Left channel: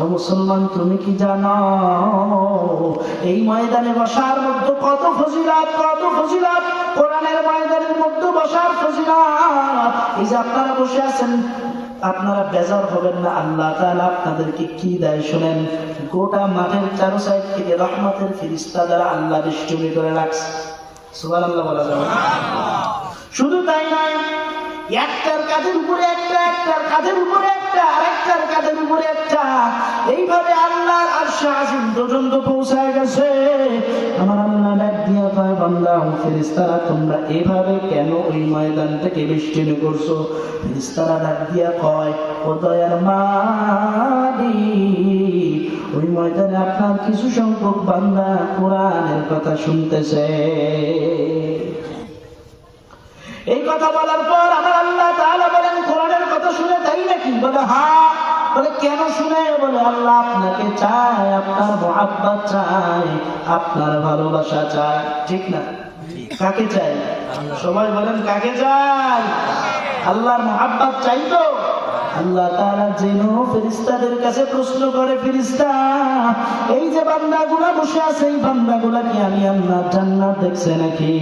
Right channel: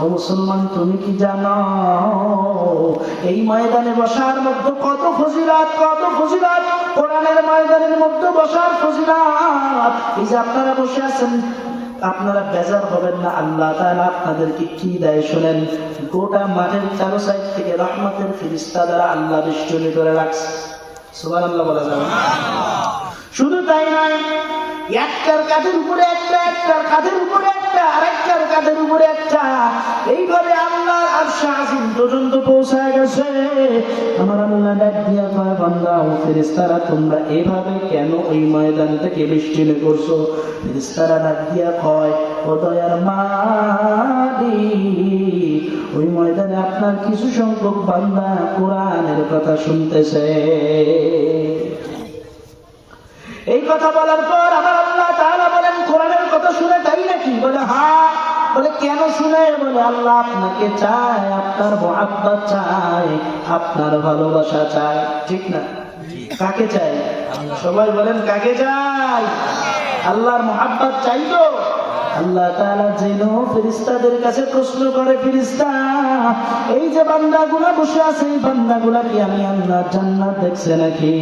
ও মুসলমান, তুমি কি জানো এই ময়দানে বসার মধ্যে কত ফজিলত, কত ফজিলত, কোরআনের ময়দানের মধ্যে বসার ফজিলত। এই যে আপনারা বসে আছেন, আপনারা বেজার হবেন না, আল্লাহ তাআলা আপনাদেরকে কি দেয় শুনেন। গোটা মাঠের চারো সাইড থেকে রহমতের ফেরেশতা দ্বারা আল্লাহ বেষ্টনী করে রাখছে। সুবহানাল্লাহ বলা যাবে? শুধু তাই নয়, একটার কাঁধের উপরে একটা, একটার কাঁধের উপরে একটা, আরেকটার কাঁধের উপরে একটা, এইভাবে আল্লাহর আরশে আজিম পর্যন্ত পৌঁছায় গেছে। আমার আল্লাহ ডাক দিয়া কয়, বান্দা ফেরেশতারা তোমরা এভাবে কেন ওই ময়দানটাকে বেষ্টনী করছো? ফেরেশতারা ডাক দিয়া কয়, ও দয়ার মালিক, ওই ময়দানে আপনার কিছু সংখ্যক বান্দা কোরআনের কথা শুনতেছে। এই কথা বলার পর আমার আল্লাহ তাআলা বলেন, কোরআনের কথা শুনে তাই নাকি? বলে হ্যাঁ। বলে কেন শুনে? বলে আল্লাহ আপনাকে চায়, আপনার মহব্বত চায়, আপনার ভালোবাসা চায়। ঠিক না? কাকে চাই? সবাই বলেন কাকে চাই? আল্লাহর মহব্বত চাই তো। আল্লাহ তাআলা যেন ফেরেশতাদের কাছে প্রশ্ন করে, ফেরেশতা এই যে বান্দাগুলো বসে আছে, এই বান্দাগুলো কি আমি আল্লাহর জান্নাত দেখছে নাকি?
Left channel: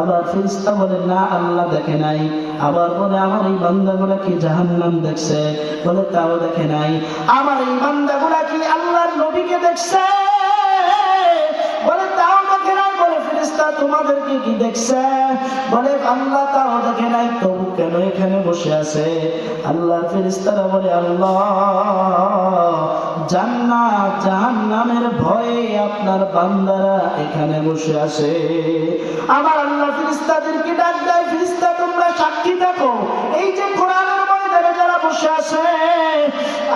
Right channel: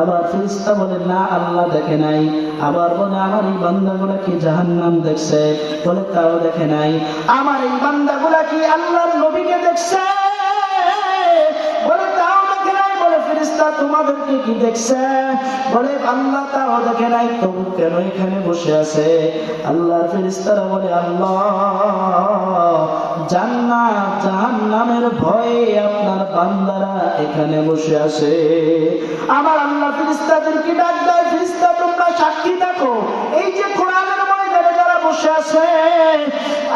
আবার ফেরেশতা বলে না, আল্লাহ দেখে নাই। আবার বলে আমার এই বান্দাগুলো কি জাহান্নাম দেখছে? বলে তাও দেখে নাই। আমার এই বান্দাগুলো কি আল্লাহর নবীকে দেখছে? বলে তাও দেখে নাই। বলে ফেরেশতা তোমাদেরকে কি দেখছে? বলে আল্লাহ তাও দেখে নাই, তবু কেন এখানে বসে আছে? আল্লাহর ফেরেশতারা বলে আল্লাহ জান্নাত জাহান্নামের ভয়ে আপনার বান্দারা এখানে বসে আছে। আমার আল্লাহ ফেরেশতাদেরকে ডাক দেয়, ফেরেশতা তোমরা সাক্ষী থাকো, এই যে কোরআনের ময়দানে যারা বসে আছে,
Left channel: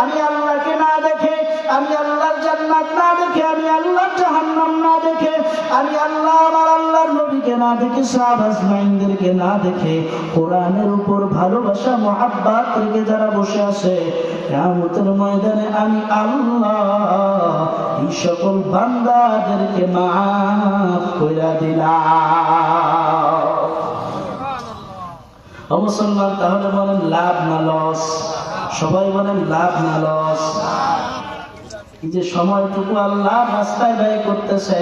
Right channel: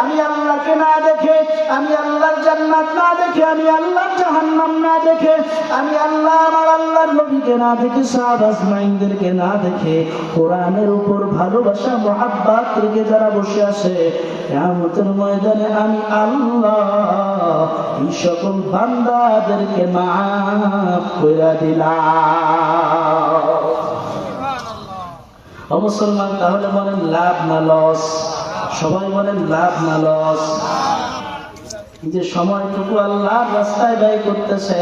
আমি আল্লাহকে না দেখে, আমি আল্লাহর জান্নাত না দেখে, আমি আল্লাহর জাহান্নাম না দেখে, আমি আল্লাহ আমার আল্লাহর নবীকে না দেখে, সাহাবা আজমাইনদেরকে না দেখে, কোরআনের উপর ভালোবাসা মহব্বত রেখে যারা বসে আছে, কিয়ামতের ময়দানে আমি আল্লাহ এই সকল বান্দাদেরকে মাফ করে দিলাম। ও মুসলমান, তাহলে বলেন লাভ না লস? সবাই বলেন লাভ না লস? এই যে সময়টুকু আল্লাহর রাস্তায় ব্যয় করতেছে,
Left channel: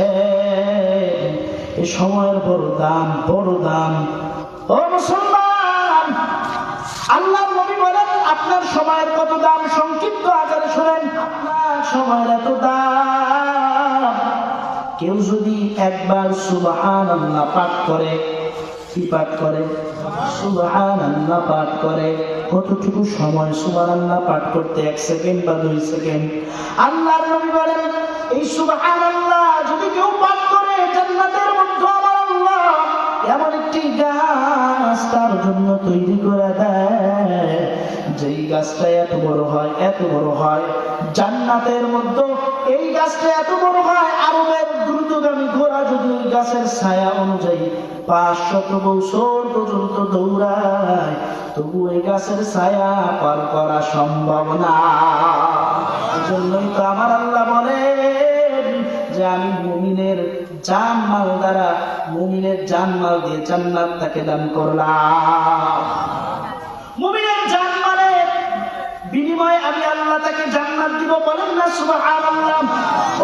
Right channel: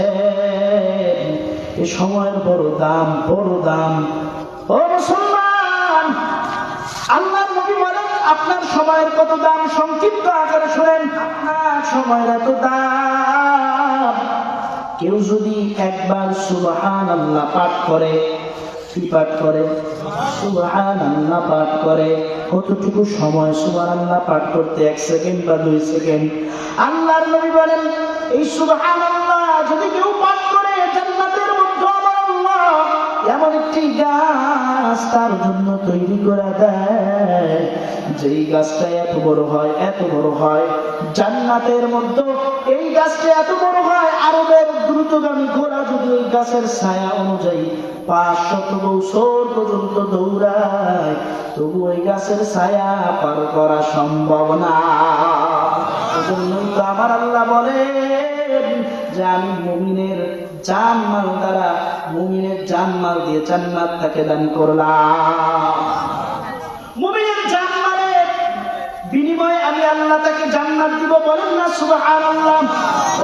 এই সময়ের বড় দাম, বড় দাম। ও মুসলমান, আল্লাহর নবী বলেন আপনার সময়ের কত দাম। সংক্ষিপ্ত আকারে শুনেন, আপনার সময়ের এত দাম। কেউ যদি একবার সুবহানাল্লাহ পাঠ করে, কি পাঠ করে? সুবহানাল্লাহ পাঠ করে। কতটুকু সময় সুবহানাল্লাহ পাঠ করতে? 1 সেকেন্ড বা 2 সেকেন্ড। আল্লাহর নবী বলেন এই সুবহানাল্লাহ যদি কেউ পাঠ করে, জান্নাতের মধ্যে আমার আল্লাহ এমন একটি গাছ তার জন্য তৈরি করে দেয়, যেই গাছটা এত বড় হয়, এত বড় হয়। জান্নাতের মধ্যে এই গাছটা এত বড় হয়, আরবের দ্রুতগামী ঘোড়া যদি ওই গাছের ছায়া অনুযায়ী 500 বছর পর্যন্ত দৌড়ায়, তবু ওই গাছের ছায়া পার করা সম্ভব না। এজন্যই তো আমার আল্লাহ বলেন যে আমি মুমিনের জানমাল দ্বারা, মুমিনের জানমাল দিয়ে জান্নাত তাকে দান করলাম। মুমিনের জানমালের বিনিময়ে আমি আল্লাহ তাকে জান্নাত দিব। বলেন না সুবহানাল্লাহ?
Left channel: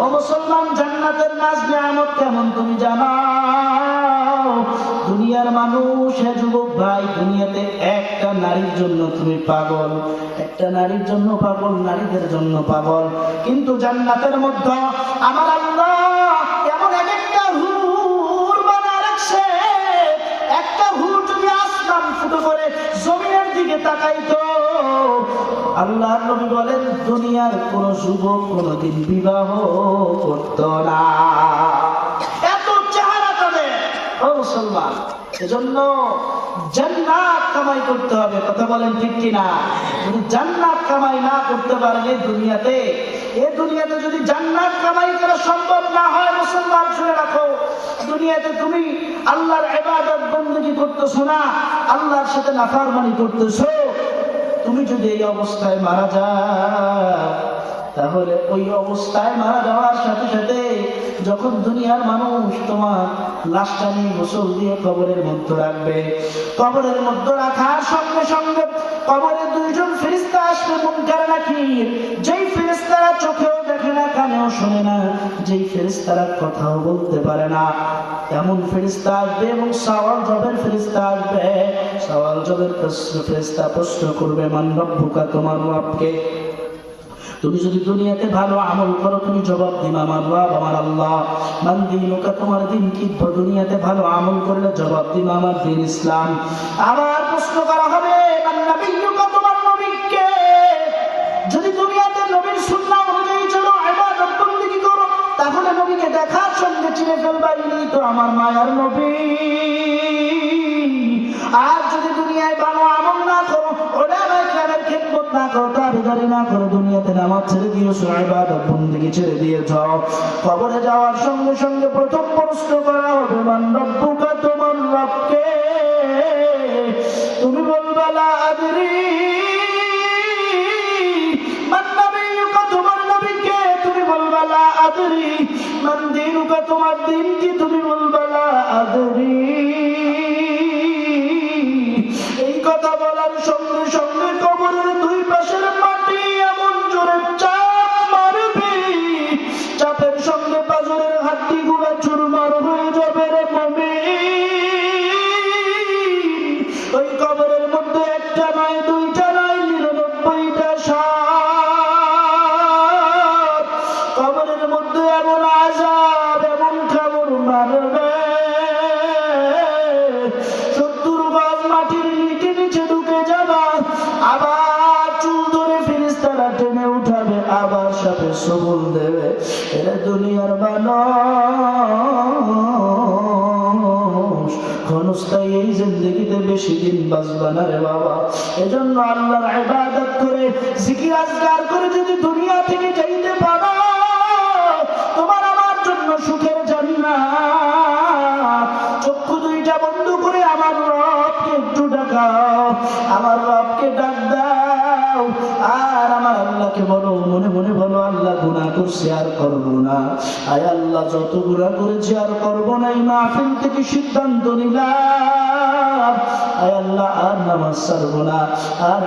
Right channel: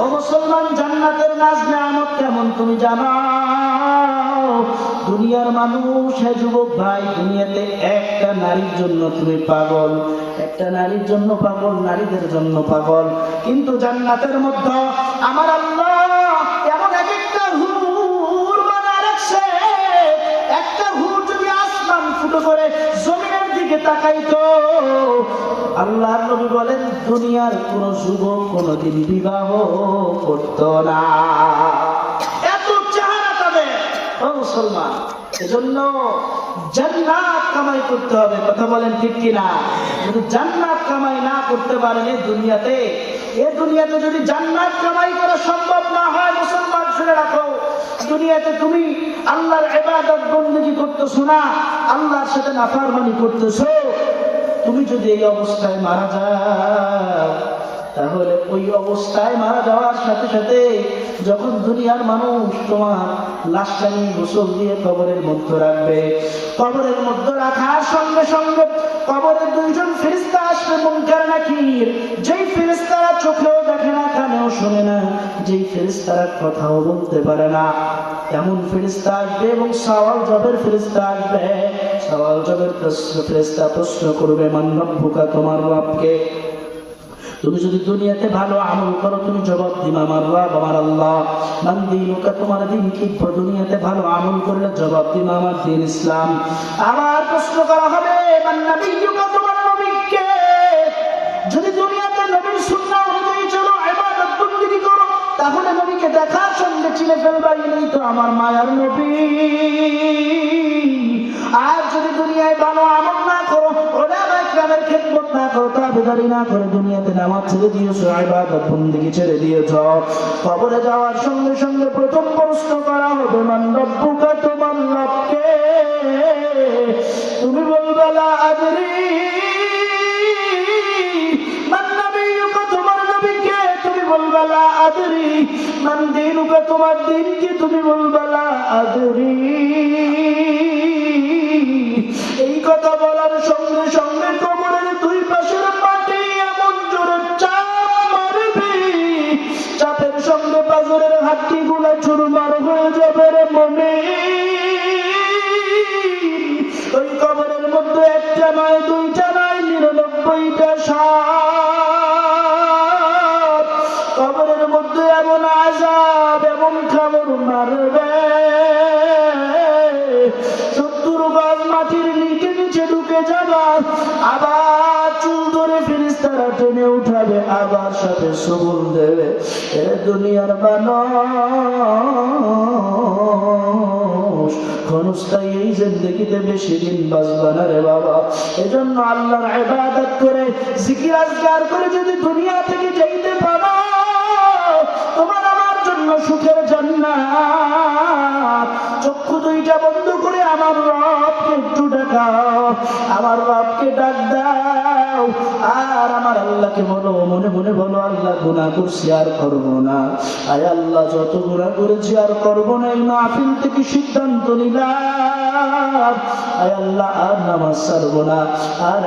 ও মুসলমান, জান্নাতের নাজ নেয়ামত কেমন তুমি জানো? দুনিয়ার মানুষ, হে যুবক ভাই, দুনিয়াতে একটা নারীর জন্য তুমি পাগল, একটা নারীর জন্য পাগল, নারীদের জন্য পাগল। কিন্তু জান্নাতের মধ্যে আমার আল্লাহ এমন একটা হুর বানায় রাখছে, একটা হুর যদি আসমান ফুটো করে জমিনের দিকে তাকাইতো, আল্লাহর নবী বলেন দুনিয়ার কোন যুবক কোনদিন বিবাহ করত না। এত চেহারা তাদের। ও মুসলমান, এজন্য জান্নাত কামাই করতে হবে। কথা বলেন ঠিক কিনা? যদি জান্নাত কামাই না করতে পারেন এই দুনিয়াতে যদি জান্নাত কামাই করা সম্ভব না হয়, মুসলমান শুনে রাখো, দুনিয়াতে তুমি আল্লাহর ইবাদত বندگی করতেছো না, আল্লাহর সাথে নাফরমানি করতেছো, তুমি যদি এই অবস্থায় মারা যাও, তাহলে ওই অবস্থায় মারা যাওয়ার সাথে সাথে যখন দুনিয়ার মানুষ তোমার লাশটা নিয়ে গোসল দিয়ে কবরের মধ্যে রাখবে, কবরের মধ্যে রাখার সঙ্গে সঙ্গে কবরের দুইজন ফেরেশতা আসবে, মুনকার নাকির। যেই ফেরেশতারা যেই ফেরেশতারা কথাও বলতে পারে না, এমন ফেরেশতা আসবে এবং সওয়াল জবের ফেরেশতা আসবে। সওয়াল জবের ফেরেশতা প্রশ্ন করবে, মান রব্বুকা, তোমার রবকে। তুমি যদি দুনিয়াতে ভালো আমল করো তুমি জবাব দিবে আমার রব আমার আল্লাহ। মান দীনুকা, তোমার দিন কি? দুনিয়াতে ভালো আমল করলে জবাব দিবে আমার দিন ইসলাম। আবার প্রশ্ন করা হবে, মান নবিয়্যুকা, তোমার নবী কে? যদি দুনিয়াতে নবীর সুন্নাহ অনুযায়ী চলো, ইবাদত বন্দেগী করো, তাহলে নবীকে দেখার সঙ্গে চিনে ফেলবা, ইনি তো আমার মায়ার নবী। আর যদি দুনিয়ায় ভালো আমল না করো, উলামায়ে কেরামের খিদমত না করো, তাবেদারি না করো, দুনিয়াতে নামাজ ছেড়ে দিয়েছো, ইবাদত বন্দেগী ছেড়ে দিয়েছো, কবরে যাওয়ার সঙ্গে সঙ্গে প্রথম প্রশ্ন করা হবে, মান রব্বুকা, তোমার রব কে? তুমি বলবে লা আদরি। মান নবিয়্যুকা, তোমার নবী কে? তুমি বলবে লা আদরি। মান দীনুকা, তোমার দিন কি? তুমি বলবে লা আদরি। এই কথা বলার সঙ্গে সঙ্গে কবরের দুই পাশের মাটি এমন জোরে চাপ মারবে, চাপের সঙ্গে পাঁজরের হাড্ডিগুলো চুরমার হয়ে যাবে রে মুমিন। ওই কবরের মধ্যে একটা নয়, দুইটা নয়, 99টা সাপ। কবরের মধ্যে এমন আযাব, এমন কামড় মারবে, 70 গজ মাটির নিচে ঢুকে যাবে। আবার চুল ধরে ফেরেশতারা টেনে উঠাবে, আবার সাপে সবল দেবে। এ দুনিয়ার মানুষ ক্ষণস্থায়ী এই জিন্দেগিতে বেশি দিন বাঁচবে না রে বাবা। এজন্য আল্লাহর ইবাদত করে, জিকির আজকার করে যদি দুনিয়া থেকে যাইতে পারো, তোমার আমার জন্য সুখের জান্নাত। চক্ষু দুইটা বন্ধ করে আমার রবকে একটু ডাকাও, আমার রবকে ডাক দাও, আর আমার আল্লাহকে বলো, মনে মনে বলো, আল্লাহ গুনাহ করছি আর করবো না। আয় আল্লাহ, যত গুনাহ করেছি আর করবো না, এই মাহফিল থেকে সিদ্ধান্ত নিলাম, আয় আল্লাহ আর নামাজ ছাড়বো না, আর